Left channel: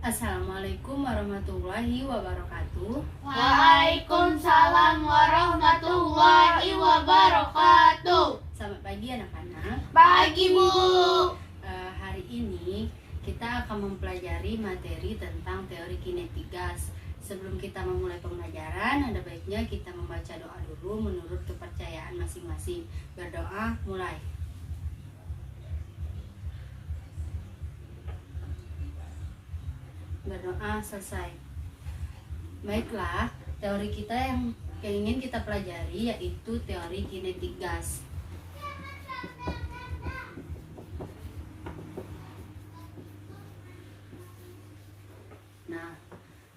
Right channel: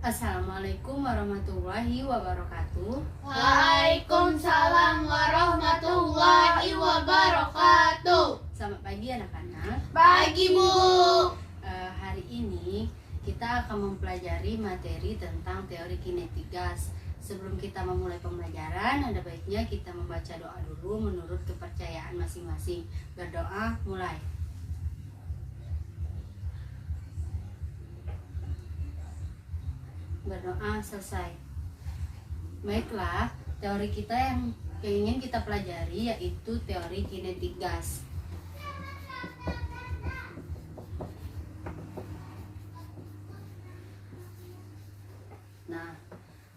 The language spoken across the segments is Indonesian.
Assalamualaikum warahmatullahi wabarakatuh. Waalaikumsalam warahmatullahi wabarakatuh. Selamat pagi anak-anak. Pagi, Bu. Hari ini kita akan mempelajari materi tentang teori kinetik gas. Sebelum kita memulai pembelajaran, ada baiknya kita membaca doa dulu menurut kepercayaan masing-masing. Berdoa, mulai. Berdoa, selesai. Baiklah, teori kita yang ingin kita pelajari yaitu teori kinetik gas. Nah,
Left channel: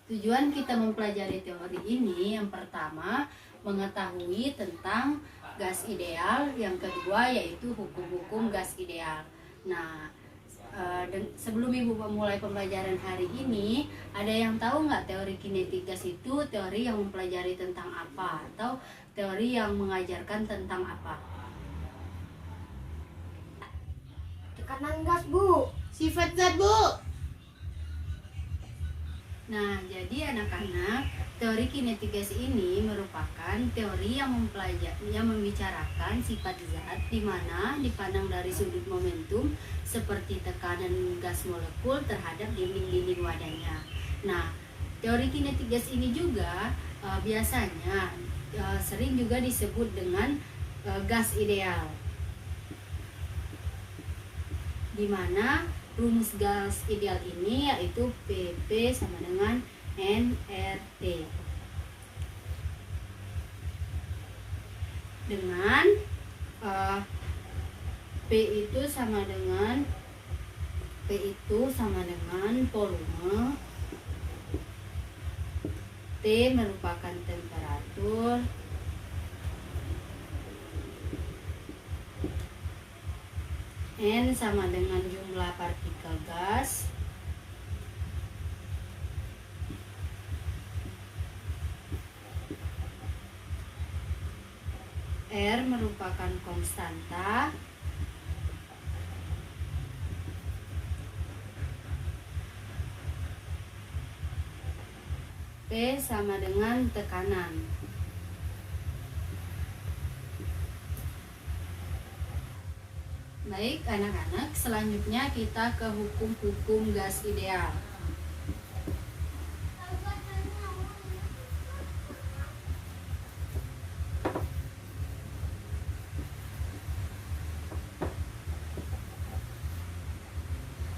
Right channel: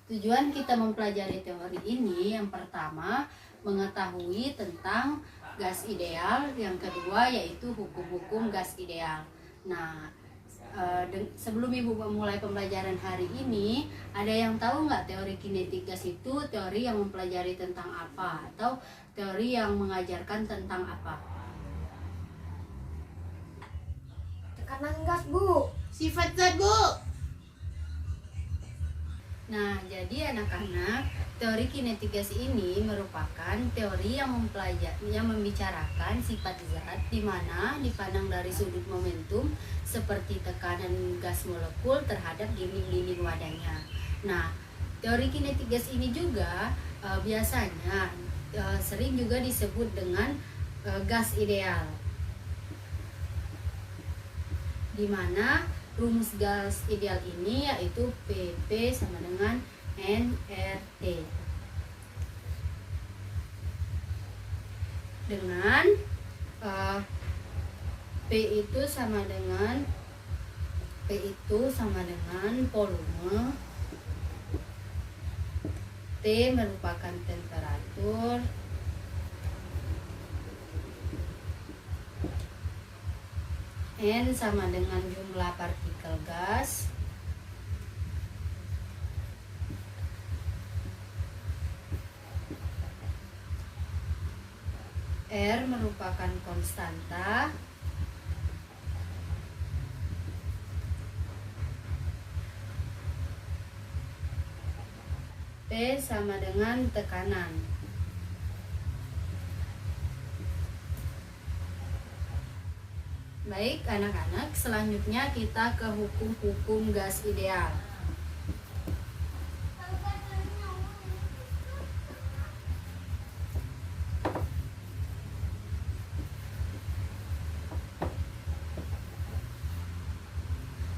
tujuan kita mempelajari teori ini yang pertama mengetahui tentang gas ideal, yang kedua yaitu hukum-hukum gas ideal. Nah, sebelum Ibu memulai pembelajaran hari ini, ada yang tahu nggak teori kinetik gas itu teori yang mempelajari tentang apa atau teori yang mengajarkan tentang apa? Tekanan gas, Bu. Sifat zat, Bu. Nah, jadi anak-anak, teori kinetik gas ini merupakan teori yang membicarakan sifat zat di mana dipandang dari sudut momentum seperti tekanan gas molekul terhadap dinding-dinding wadahnya. Nah, teori kinetik gas ini juga biasanya sering juga disebut dengan gas ideal, di mana rumus gas ideal ini yaitu PP sama dengan nRT, dengan P itu sama dengan volume, T merupakan temperatur, N sama dengan jumlah partikel gas, R merupakan konstanta, P sama dengan tekanan. Baik anak-anak, selanjutnya kita ke hukum-hukum gas ideal.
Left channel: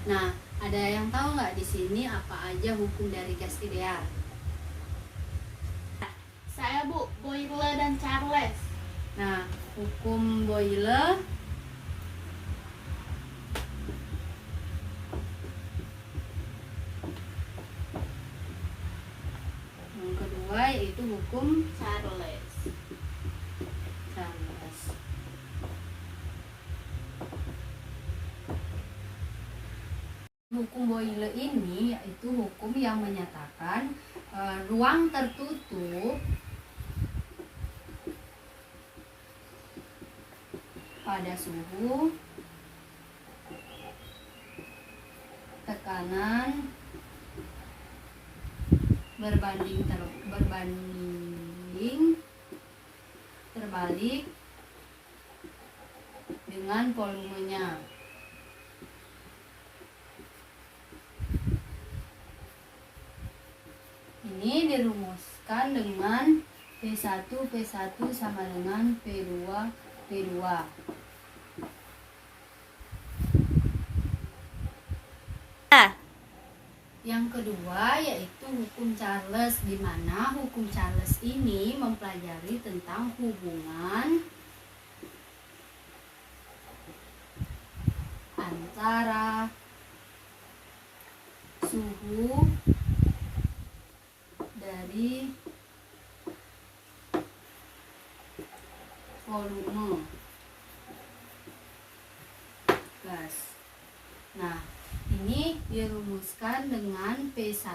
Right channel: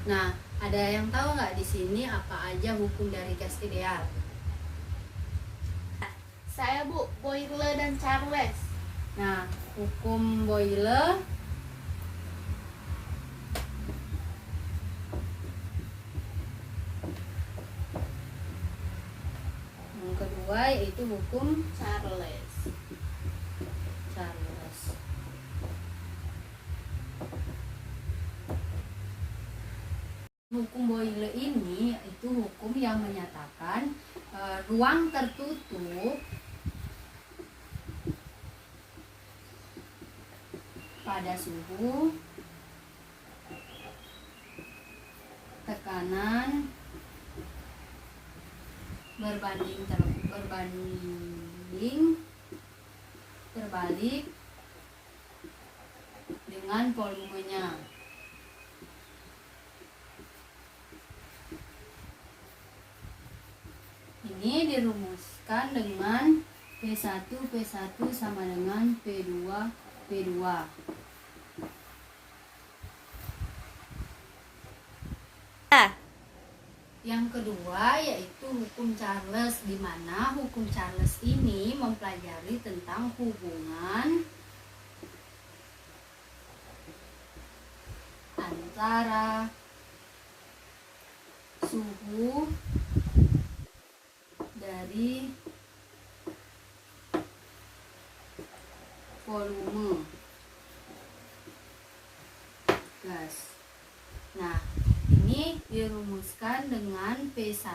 Nah, ada yang tahu nggak di sini apa aja hukum dari gas ideal? Saya, Bu. Boyle dan Charles. Nah, hukum Boyle yang kedua yaitu hukum Charles. Charles. Hukum Boyle ini yaitu hukum yang menyatakan ruang tertutup pada suhu, tekanan terbalik dengan volumenya. Ini dirumuskan dengan P1 sama dengan P2. Yang kedua yaitu hukum Charles, di mana hukum Charles ini mempelajari tentang hubungan antara suhu dari volume gas. Nah, ini dirumuskan dengan P1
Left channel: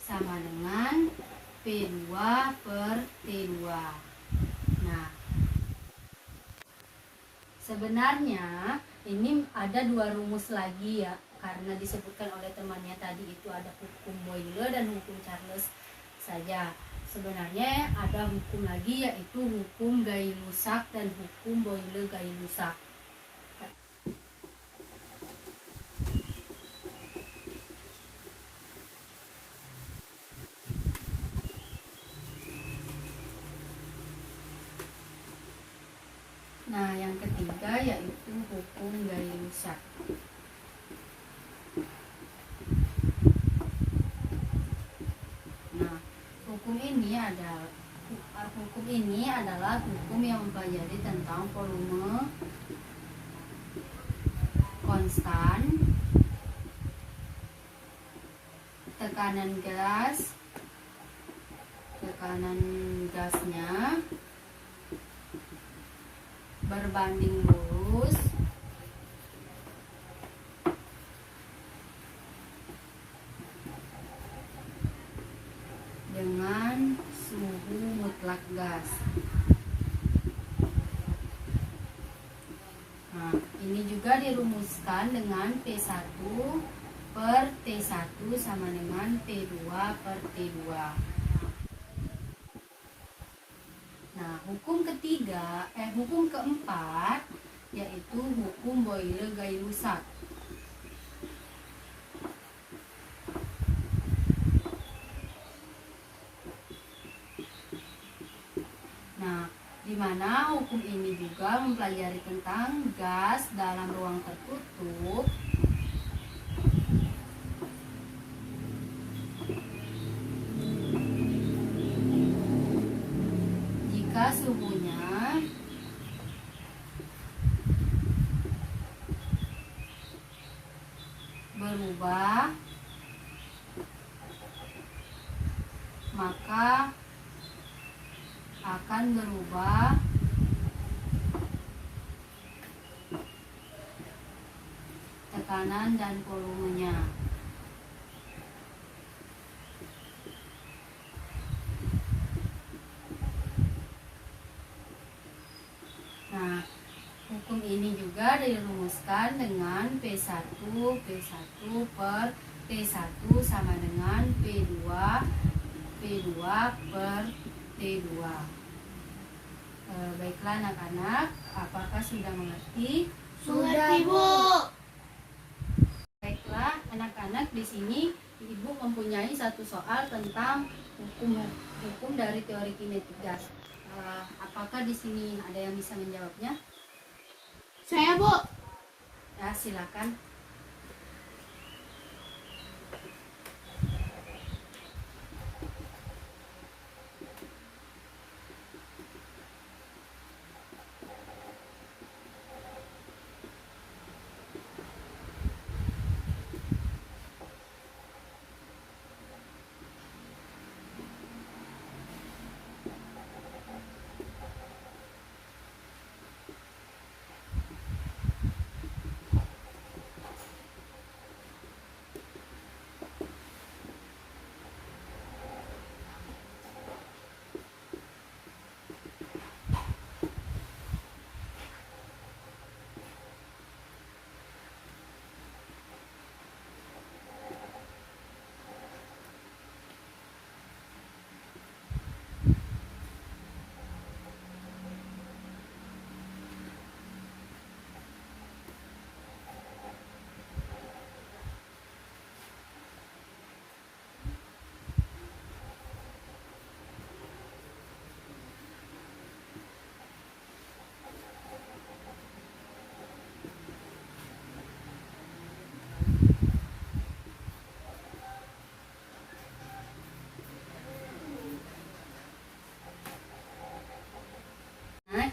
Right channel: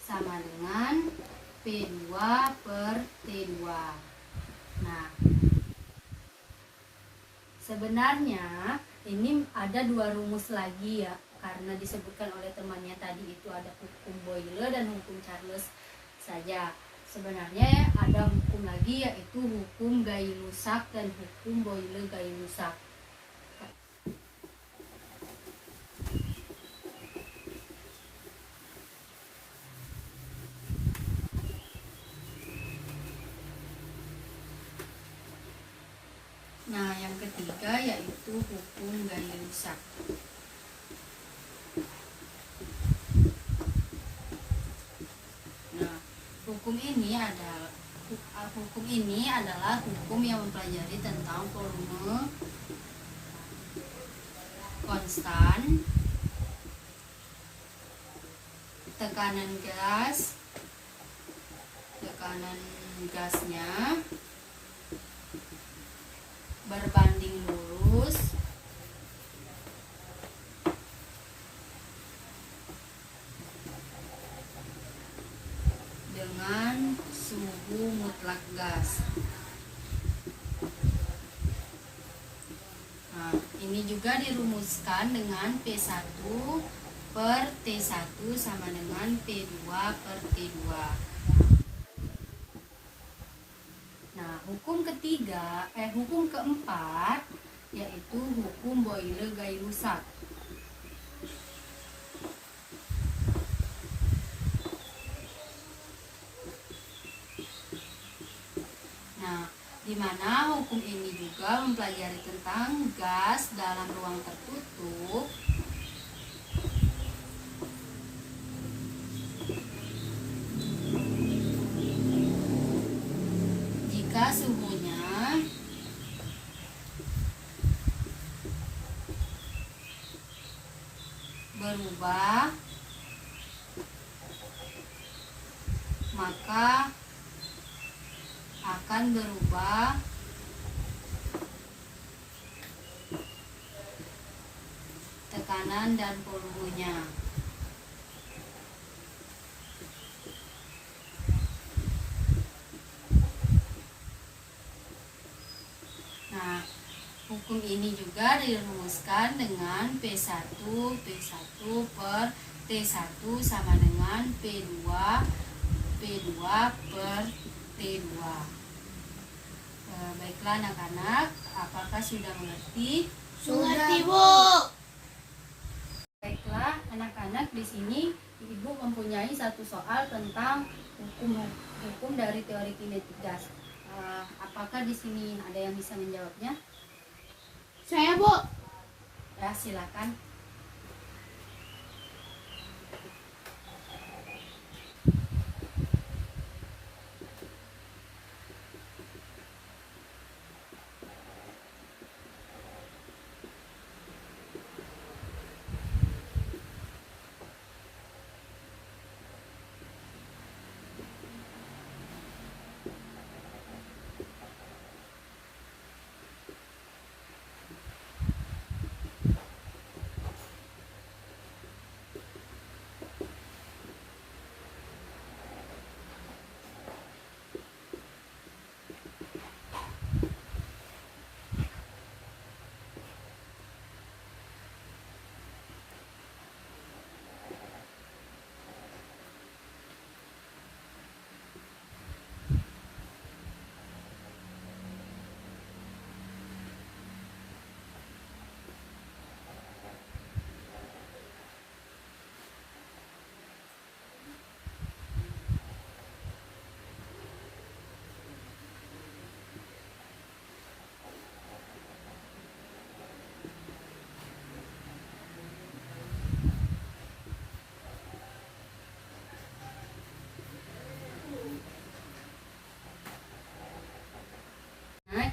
sama dengan P2 per T2. Nah, sebenarnya ini ada dua rumus lagi ya, karena disebutkan oleh temannya tadi itu ada hukum Boyle dan hukum Charles saja. Sebenarnya ada hukum lagi yaitu hukum Gay-Lussac dan hukum Boyle-Gay-Lussac. Nah, yang ketiga yaitu hukum Gay-Lussac. Nah, hukum ini adalah hukum yang mempelajari tentang volume konstan, tekanan gasnya berbanding lurus dengan suhu mutlak gas. Nah, ini juga dirumuskan dengan P1 per T1 sama dengan P2 per T2. Nah, hukum keempat yaitu hukum Boyle-Gay-Lussac. Nah, di mana hukum ini juga mempelajari tentang gas dalam ruang tertutup jika suhunya berubah, maka akan berubah tekanan dan volumenya. Nah, hukum ini juga dirumuskan dengan P1 per T1 sama dengan P2 per T2. Baiklah anak-anak, apakah sudah mengerti? Mengerti, Bu. Baiklah anak-anak, di sini Ibu mempunyai satu soal tentang hukum dari teori kinetik gas. Apakah di sini ada yang bisa menjawabnya? Saya, Bu. Ya, silakan.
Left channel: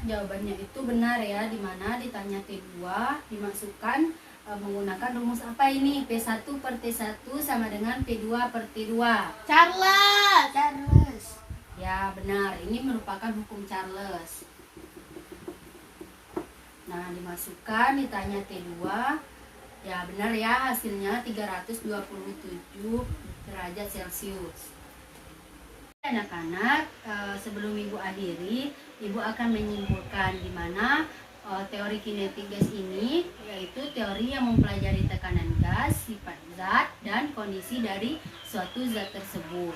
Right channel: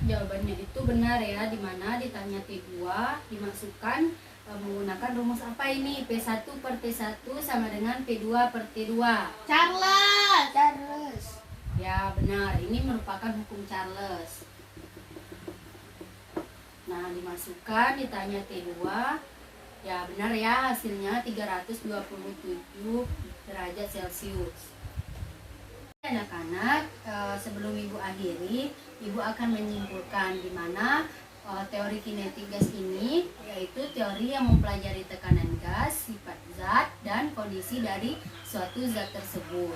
Jawabannya itu benar ya, dimana ditanya T2 dimasukkan menggunakan rumus apa ini? P1 per T1 sama dengan P2 per T2. Charles. Ya benar, ini merupakan hukum Charles. Nah, dimasukkan ditanya T2. Ya benar ya, hasilnya 327 derajat Celcius. Anak-anak, sebelum Ibu akhiri, Ibu akan menyimpulkan di mana teori kinetik gas ini yaitu teori yang mempelajari tekanan gas, sifat zat, dan kondisi dari suatu zat tersebut.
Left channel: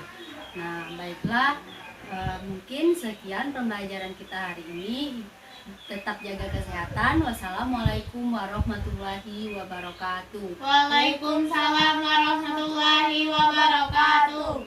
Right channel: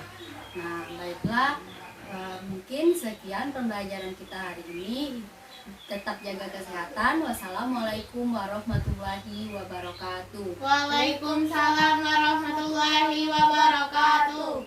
Nah, baiklah, mungkin sekian pembelajaran kita hari ini. Tetap jaga kesehatan. Wassalamualaikum warahmatullahi wabarakatuh. Waalaikumsalam warahmatullahi wabarakatuh.